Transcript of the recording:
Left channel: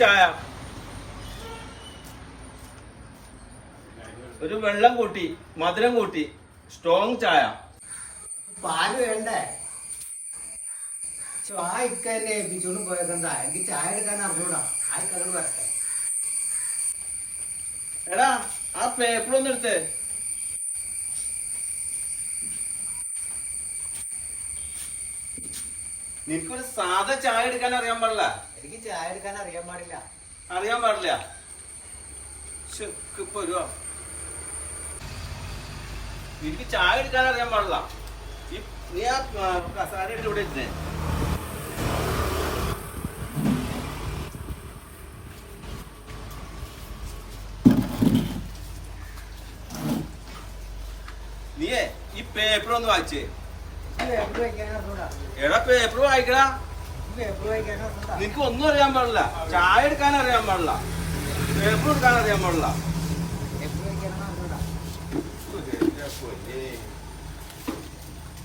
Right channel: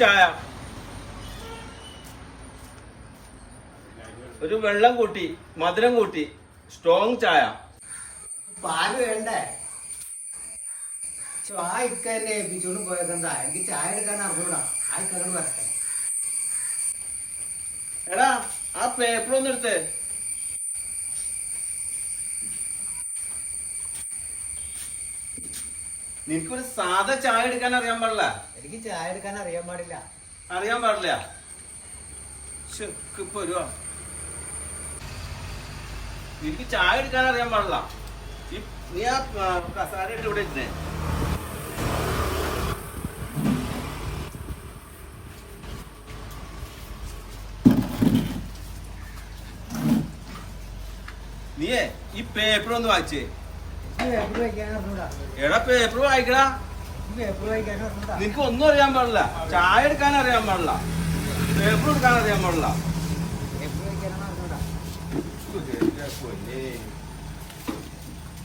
ചായ ഒരു വെള്ളം കൂട്ടി മധുരം കൂട്ടി സ്ട്രോങ് ചായ. പാല് വേണ്ടേ? ചായ ഇക്കന്നെ ഏൽപ്പിച്ചോണ്ട് പോയതെന്താ? എനിക്ക് ചായ എടുക്കാൻ അറിഞ്ഞൂടാ. ആർക്കാണ് മറക്കാൻ? എടാ ആ പേപ്പർ ഒന്ന് എടുത്തേ. നിനക്കൊരു സാധാ ചായ എടുക്കാൻ അറിയാൻ പാടില്ല. എനിക്ക് ചായ എടുക്കാൻ അറിയാൻ പാടില്ല. അറിയാൻ പാടില്ല. വരുവാ നിനക്ക് ചായ എടുക്കാൻ അറിയാൻ പാടില്ല. നീ ആ കസാര ഇട്ട് ഇവിടെ ഇരുന്നേ. നീയേ ഈ പേപ്പർ ഒന്ന് വായിച്ചേ. എടാ പേപ്പർ വായിക്കടാ. നിനക്ക് ഒന്നും അറിയാൻ പാടില്ല. ചായ എടുക്കാൻ അറിയാൻ പാടില്ല. പേപ്പർ എടുക്കാൻ അറിയാൻ പാടില്ല.